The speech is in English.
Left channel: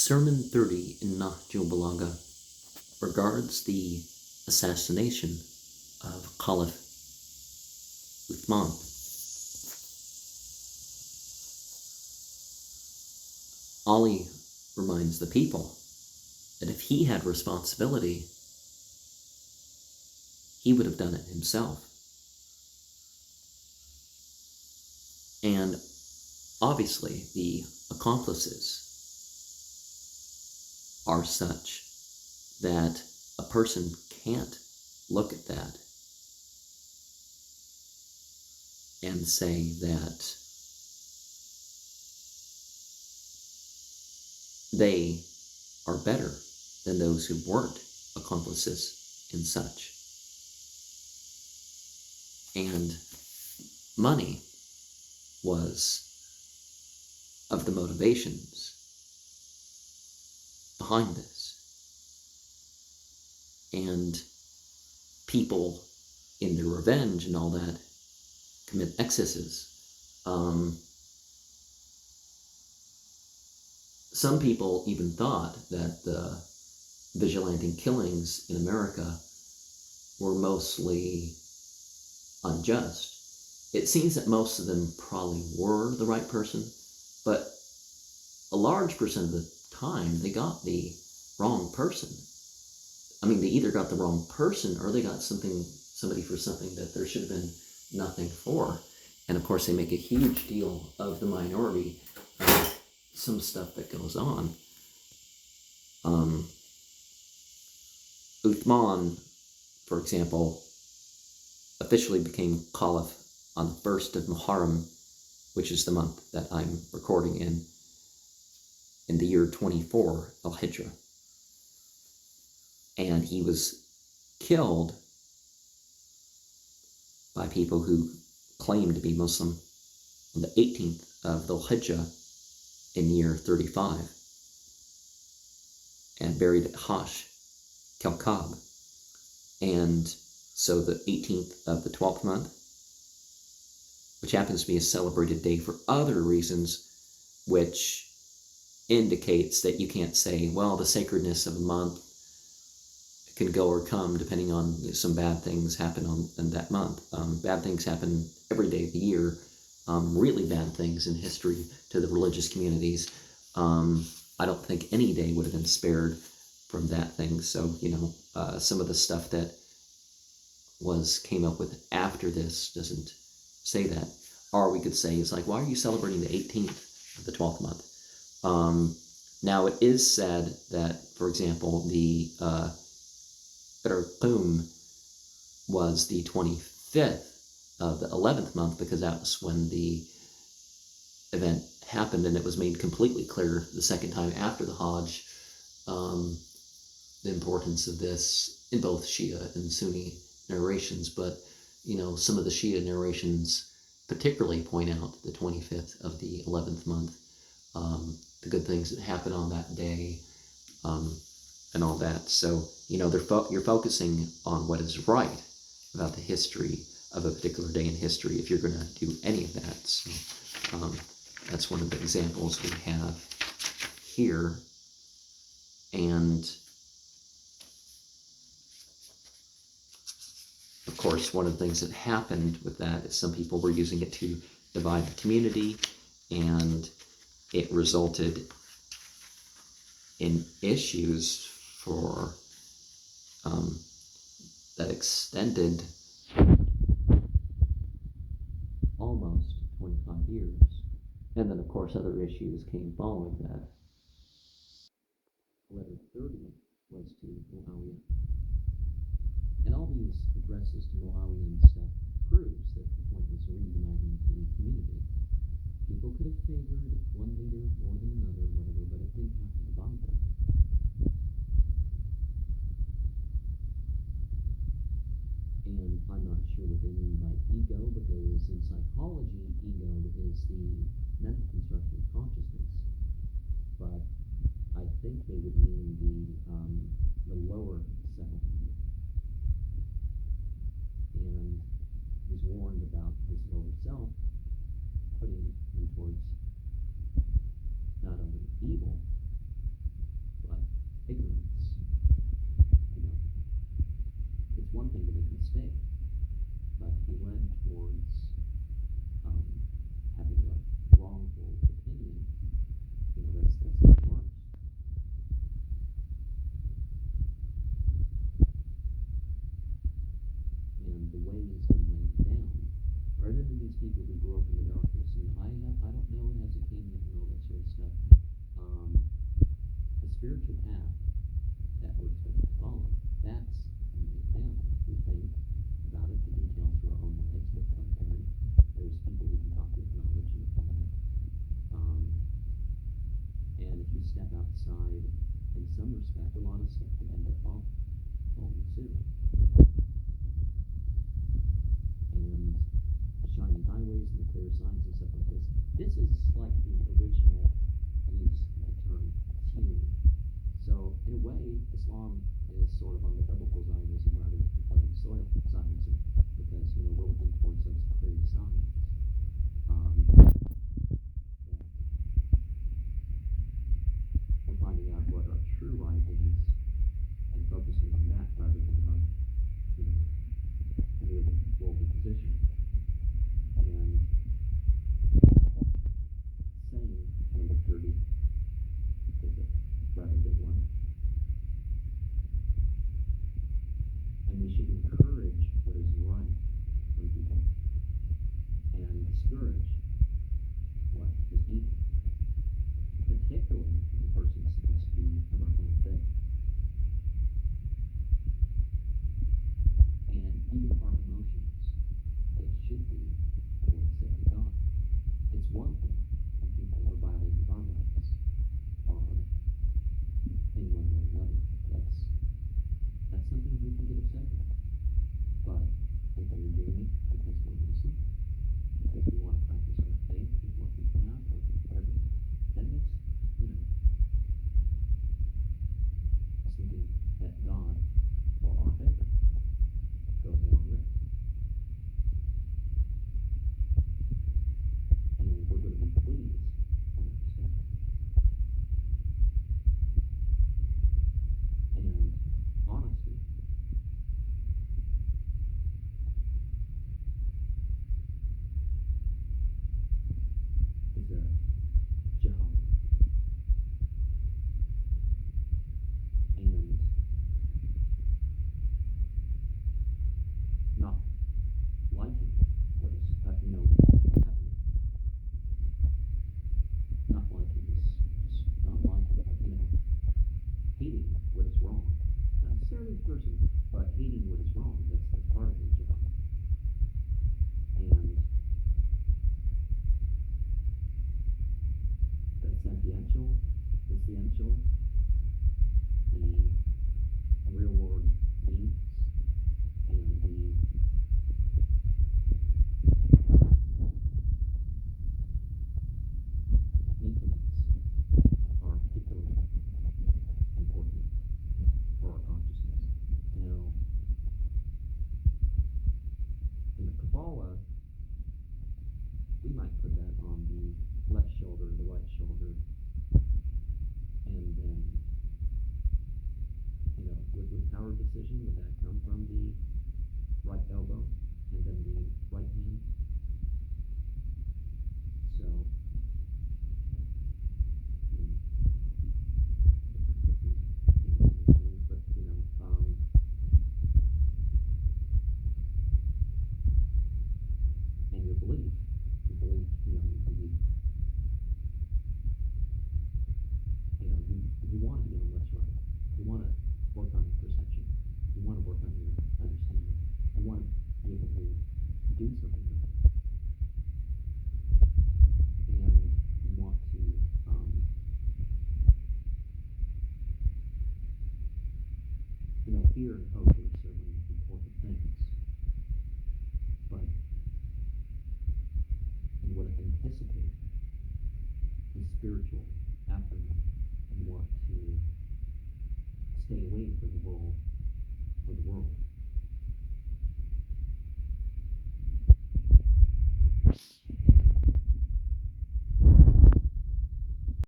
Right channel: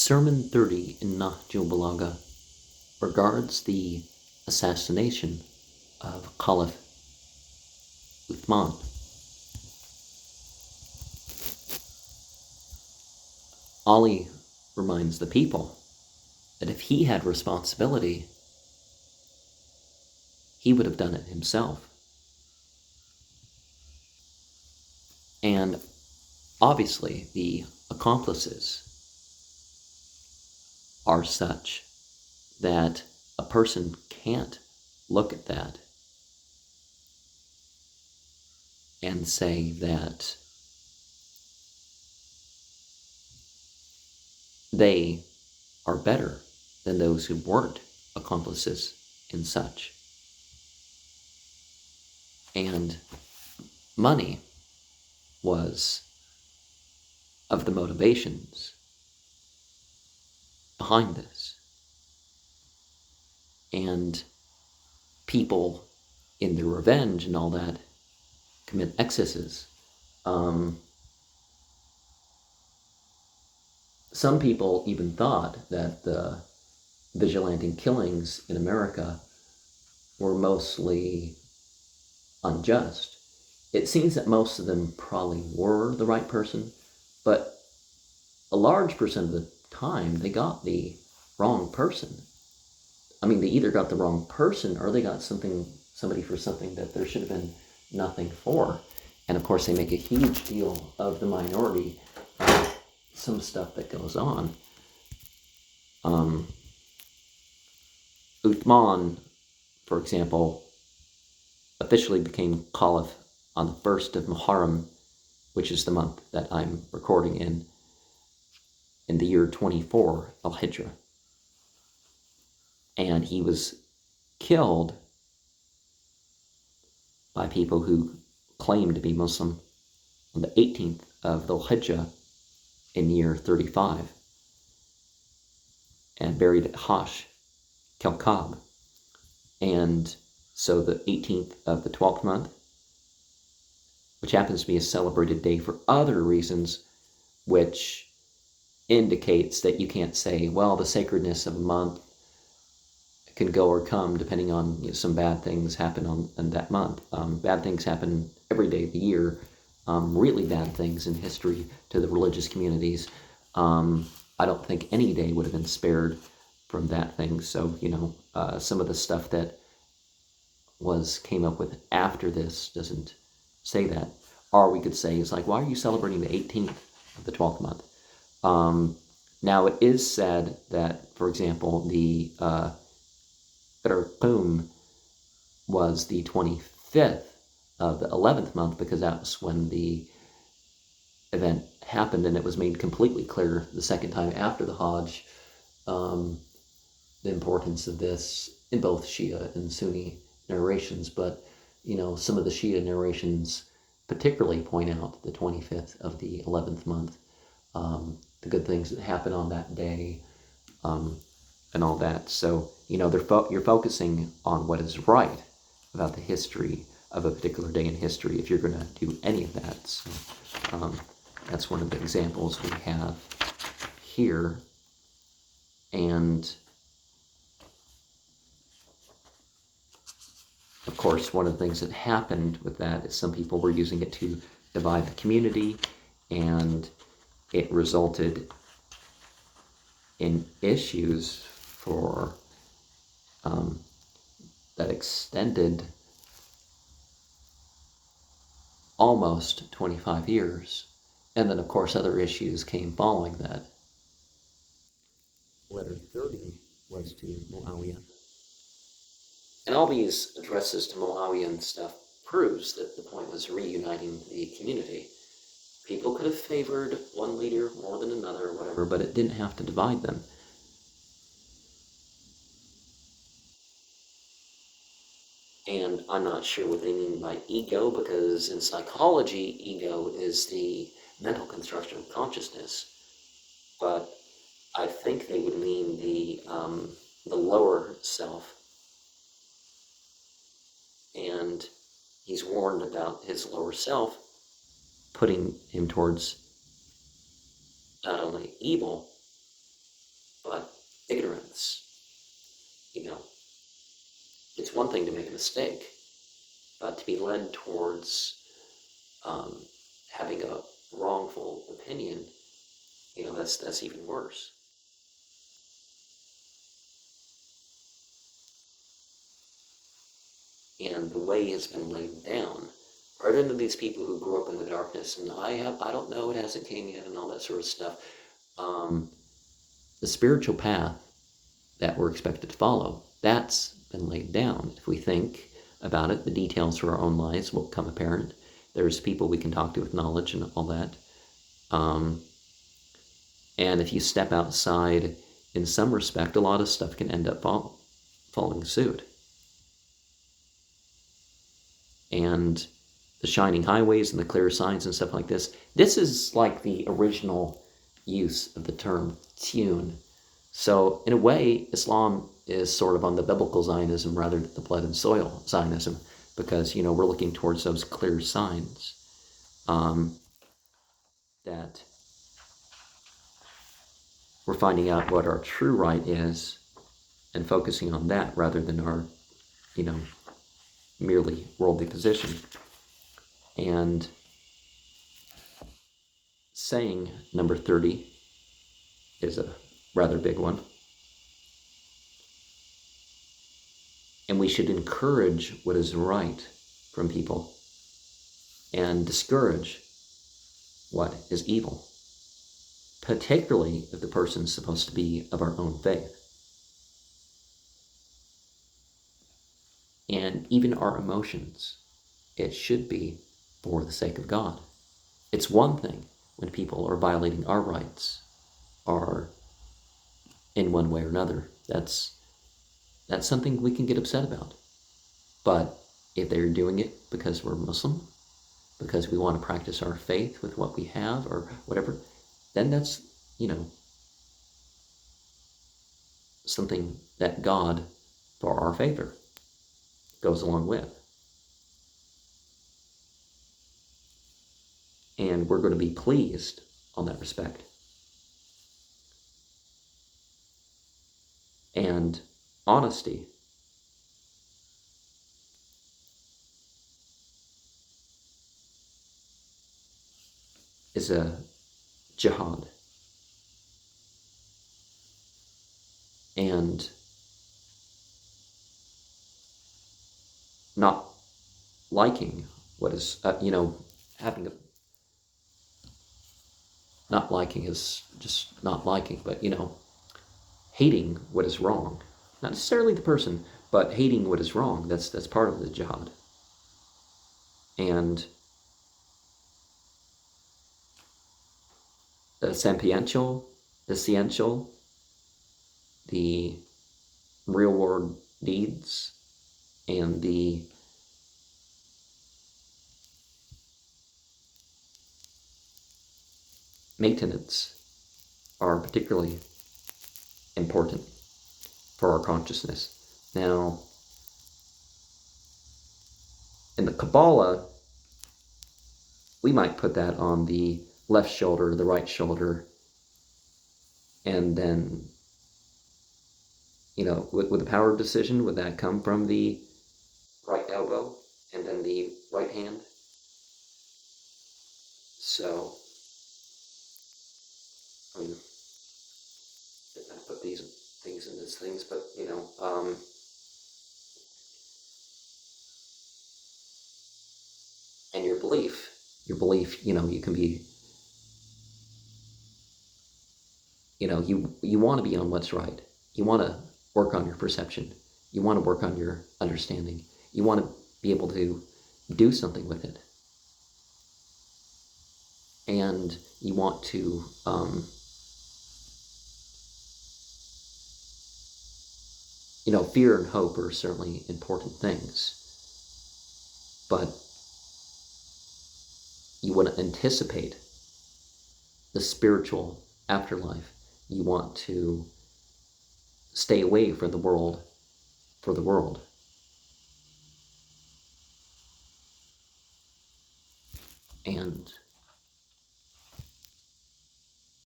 Sermon 30 in Nahjul Balagah regards the assassination of Caliph Uthman. Ali reminds the people that if he had responsibility, he would have done it himself. And obviously, the accomplices are such that a person can't look at that and say that they are better than those who weren't accomplices in such. And money was of the motivations behind this. And people, in their revenge and all that, commit excesses. Some people even thought that the vigilante killings in America were mostly unjust. It seems that most of them probably were the right person, but a large percent of the time they got the wrong person. I mean, they either got the wrong person or they got somebody for something that there should have been nothing for. And of course, they make a huge deal of the minority of some stuff that goes on. Uthman, for example, officially became Caliph on the 1st of Muharram, which is the month that I'm recording in the year 24 Al-Hijrah. And he was killed by people who claimed to be Muslim on the 18th of Dhul-Hijjah in year 35 and buried at Hash, Kalkab. And so the 18th of the 12th month, which happens to be a celebrated day for other reasons, which indicates that you can't say, well, the sacredness of a month can go or come depending on some bad things happen on that month. Bad things happen every day of the year. Really bad things in history to the religious communities. I don't think any day would have been spared from that thing. So, some of the stuff that came up with after this doesn't say that. Or we could say, it's like, why are you celebrating the 18th of the 12th month? Now, it is said that, for example, the Qum was the 25th of the 11th month because that was when the event happened, and it was made completely clear the second time after the Hajj the importance of this in both Shia and Sunni narrations. But some of the Shia narrations particularly point out the 25th of the 11th month, the good things that happen on that day, and all that. So you're focusing on what is right about the history of a particular day in history if you're going to do any of that. So, that's one of the examples we have here. And of course, one of the things that happened with that is some people were using it to divide the community, and it resulted in issues for that extended almost 25 years. And then, of course, other issues came following that. Letter 30 was to Muawiyah. And all these addresses to Muawiyah and stuff proves that the point was reuniting the community. People could have favored one leader more than another or whatever, but it didn't have to divide them. And I'm not sure what they mean by ego, because in psychology, ego is the mental construction of consciousness. But I think they would mean the lower self. And he's warned about his lower self, putting him towards not only evil, ignorance. It's one thing to make a mistake, but to be led towards having a wrongful opinion, that's even worse. And the way has been laid down. Rather than these people who grew up in the darkness and I don't know, it hasn't came yet, and all that sort of stuff. The spiritual path that we're expected to follow, that's been laid down. If we think about it, the details for our own lives will become apparent. There's people we can talk to with knowledge and all that. And if you step outside, in some respect, a lot of stuff can end up following suit. And the shining highways and the clear signs and stuff like this is like the original use of the term tune. So in a way, Islam is sort of on the biblical Zionism rather than the blood and soil Zionism, because we're looking towards those clear signs that we're finding out what our true right is and focusing on that rather than our merely worldly position. And saying number 30 is a rather big one. And we should encourage what is right from people and discourage what is evil, particularly if the person's supposed to be of our own faith. And even our emotions, it should be for the sake of God. It's one thing when people are violating our rights or in one way or another. That's something we can get upset about. But if they're doing it because we're Muslim, because we want to practice our faith with what we have or whatever, then that's, something that God, for our favor, goes along with. And we're going to be pleased on that respect. And honesty is a jihad. And not liking what is, having a, not liking is just not liking, but, hating what is wrong. Not necessarily the person, but hating what is wrong. That's part of the jihad. And the essential, the real world deeds, and the maintenance are particularly important for our consciousness. Now, in the Kabbalah, we might put that on the left shoulder, the right shoulder, and then, with the power of decision, would that come from the right elbow and then the right hand? So, I put these things in these things, but and your belief, you can be, you want to be on what's right. You want to work on your perception. You want to work on your understanding. You want to be able to do something with it. And you want to fear and hope are certainly important things, but you want to anticipate the spiritual afterlife. You want to stay away from the world for the world.